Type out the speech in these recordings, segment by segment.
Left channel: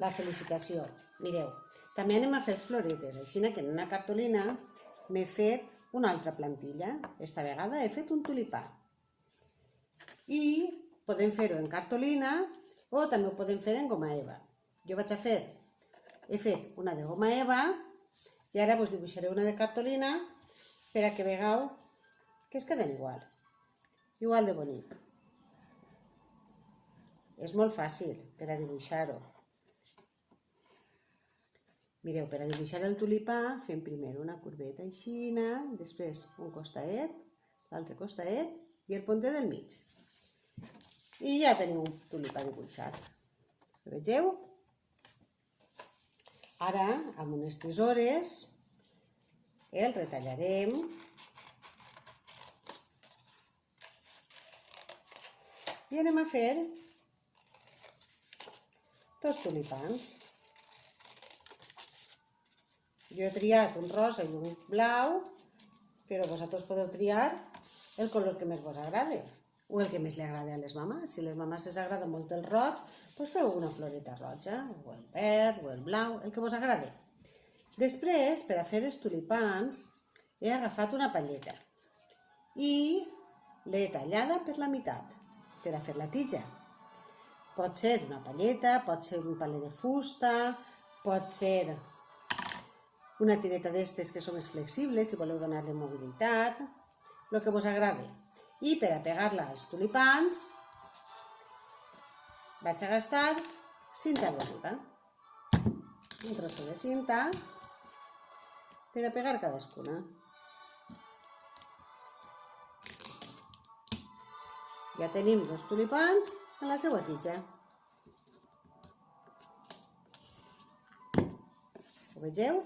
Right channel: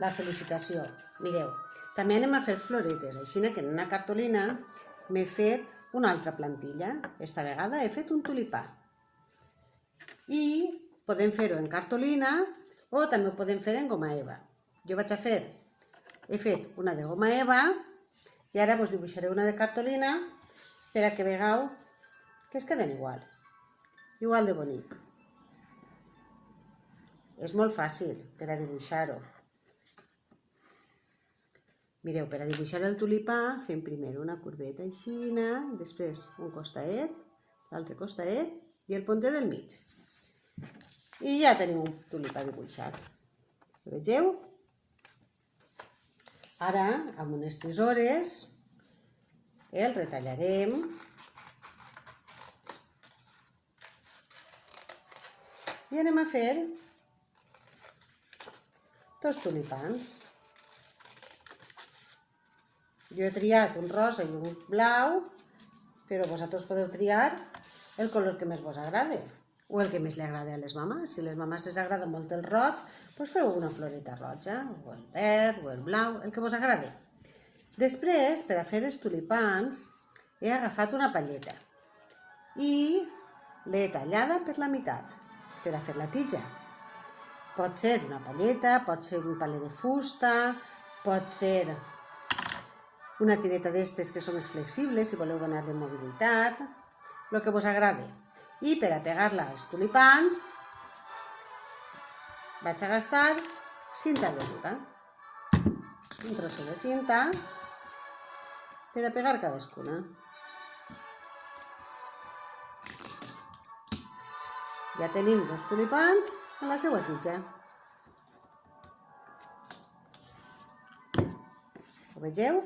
la felicitació. Mireu, també anem a fer floretes, així que en una cartolina m'he fet una altra plantilla. Esta vegada he fet un tulipà. I podem fer-ho en cartolina o també ho podem fer en goma eva. Jo he fet una de goma eva i ara vos dibuixaré una de cartolina per a que vegeu que es queden igual de bonic. És molt fàcil per a dibuixar-ho. Mireu, per a dibuixar el tulipà fem primer una corbeta així, després un costaet, l'altre costaet i el pontet del mig. I ja tenim un tulipà dibuixat. Ho vegeu? Ara, amb unes tisores, el retallarem i anem a fer dos tulipans. Jo he triat un rosa i un blau, però vosaltres podeu triar el color que més vos agrada o el que més li agrada a les mamàs. Si a les mamàs els agrada molt el roig, doncs feu una floreta roja, o el verd, o el blau, el que vos agrada. Després, per a fer els tulipans, he agafat una palleta i l'he tallada per la meitat per a fer la tija. Pot ser una palleta, pot ser un palet de fusta, pot ser una tireta d'estes que són més flexibles, si voleu donar-li mobilitat, el que vos agradi. I per a pegar-la als tulipans vaig a gastar cinta adhesiva. Un trosset de cinta per a pegar cadascuna. Ja tenim dos tulipans a la seva tija. Ho vegeu?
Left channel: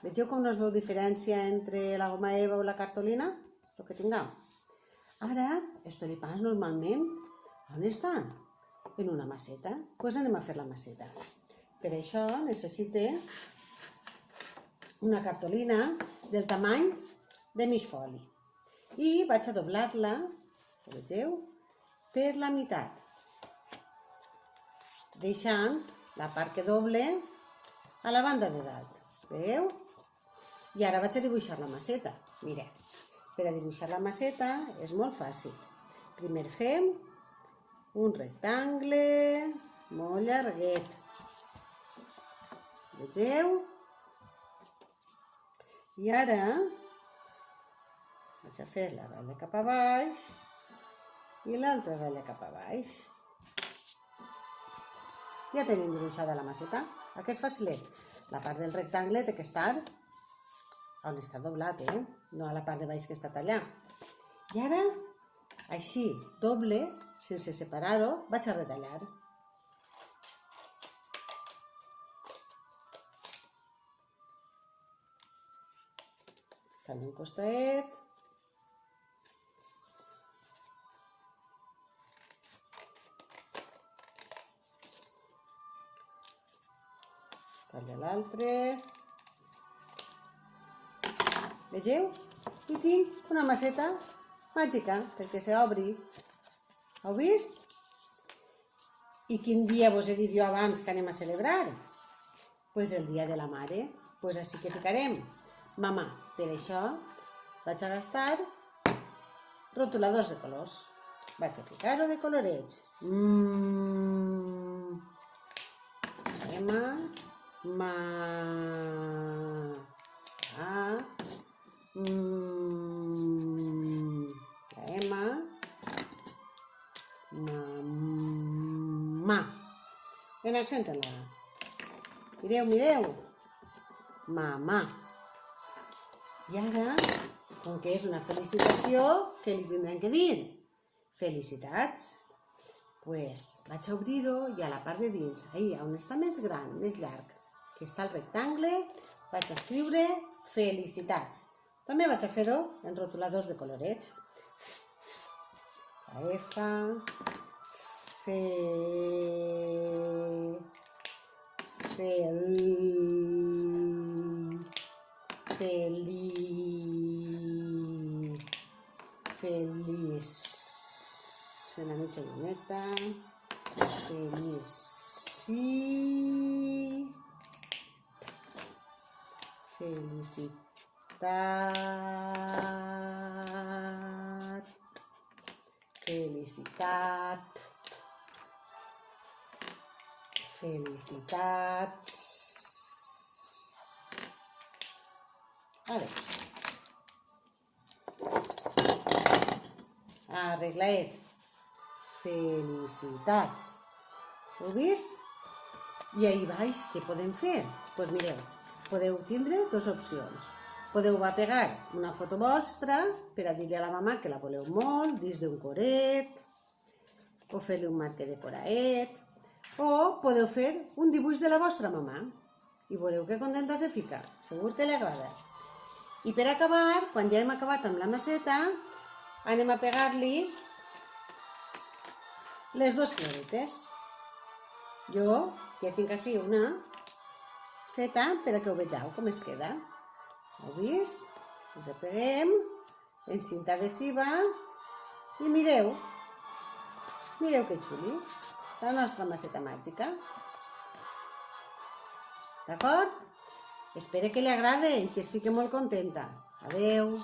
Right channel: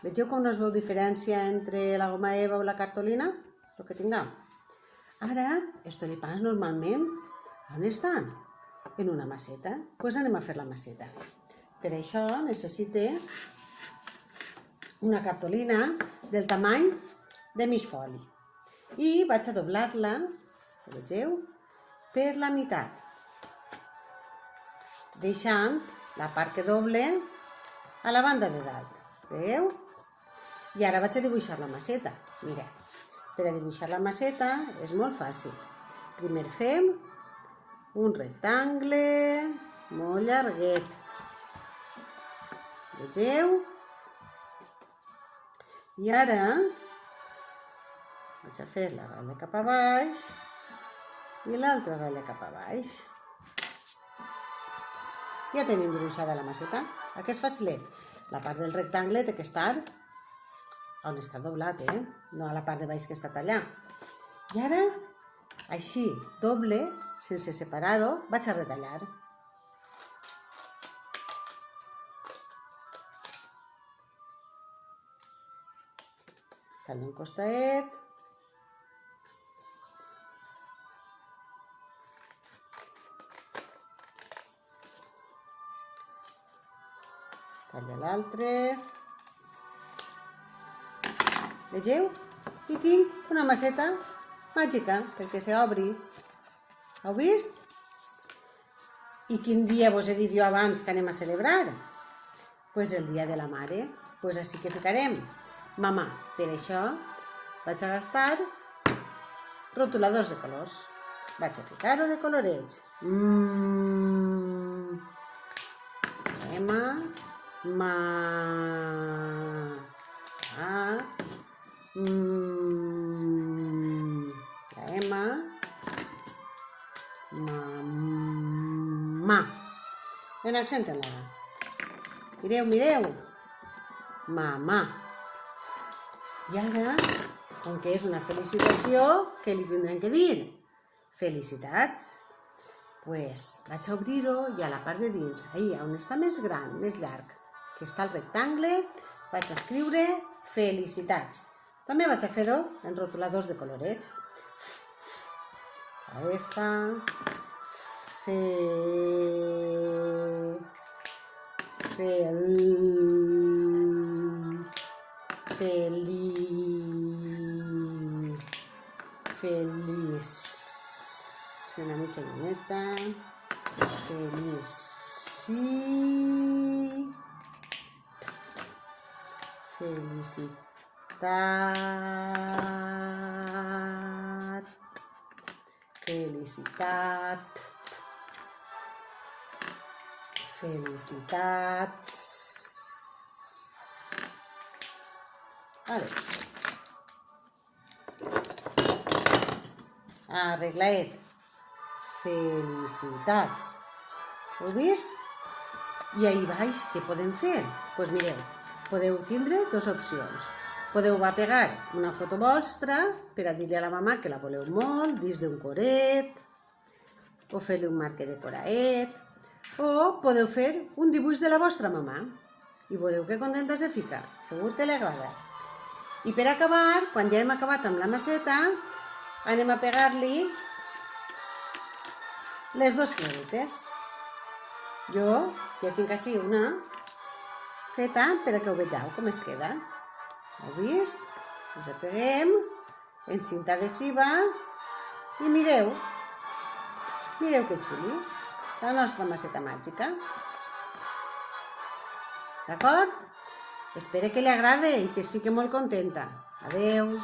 Vegeu com no es veu diferència entre la goma eva o la cartolina? El que tinguem. Ara, els tulipans normalment, on estan? En una maceta. Doncs anem a fer la maceta. Per això necessite una cartolina del tamany de mig foli. I vaig a doblar-la, vegeu, per la meitat, deixant la part que doble a la banda de dalt. Veieu? I ara vaig a dibuixar la maceta. Mireu, per a dibuixar la maceta és molt fàcil. Primer fem un rectangle molt llarguet. Vegeu? I ara vaig a fer la ratlla cap a baix i l'altra ratlla cap a baix. Ja tenim dibuixada la maceta. Aquest és facilet. La part del rectangle té que estar on està doblat, no a la part de baix que està tallat. I ara, així, doble, sense separar-ho, vaig a retallar. Tallo un costaet. Tallo l'altre. Vegeu? I tinc una maceta màgica perquè s'obri. Heu vist? I quin dia vos he dit jo abans que anem a celebrar? Doncs el dia de la mare. Doncs així que ficarem mamà. Per això vaig a gastar rotuladors de colors. Vaig a ficar-ho de colorets. Emma, ma, a, la Emma, mamà. En accent en la A. Mireu, mireu. Mamà. I ara, com que és una felicitació, què li tindrem que dir? Felicitats. Doncs vaig a obrir-ho i a la part de dins, allà on està més gran, més llarg, que està el rectangle, vaig a escriure felicitats. També vaig a fer-ho en rotuladors de colorets. La F, feliç, una mitja luneta, feliç. felicitat, felicitats. Vale. Arreglaet. Felicitats. Heu vist? I ahí baix, què podem fer? Doncs mireu, podeu tindre dues opcions. Podeu pegar una foto vostra per a dir-li a la mamà que la voleu molt, dins d'un coret, o fer-li un marc decoraet, o podeu fer un dibuix de la vostra mamà i veureu que contenta se fica, segur que li agrada. I per acabar, quan ja hem acabat amb la maceta, anem a pegar-li les dues floretes. Jo ja tinc així una feta per a que ho vegeu com es queda. Heu vist? Les peguem en cinta adhesiva i mireu. Mireu que xuli. La nostra maceta màgica. D'acord? Espero que li agrade i que es fiqui molt contenta. Adeu!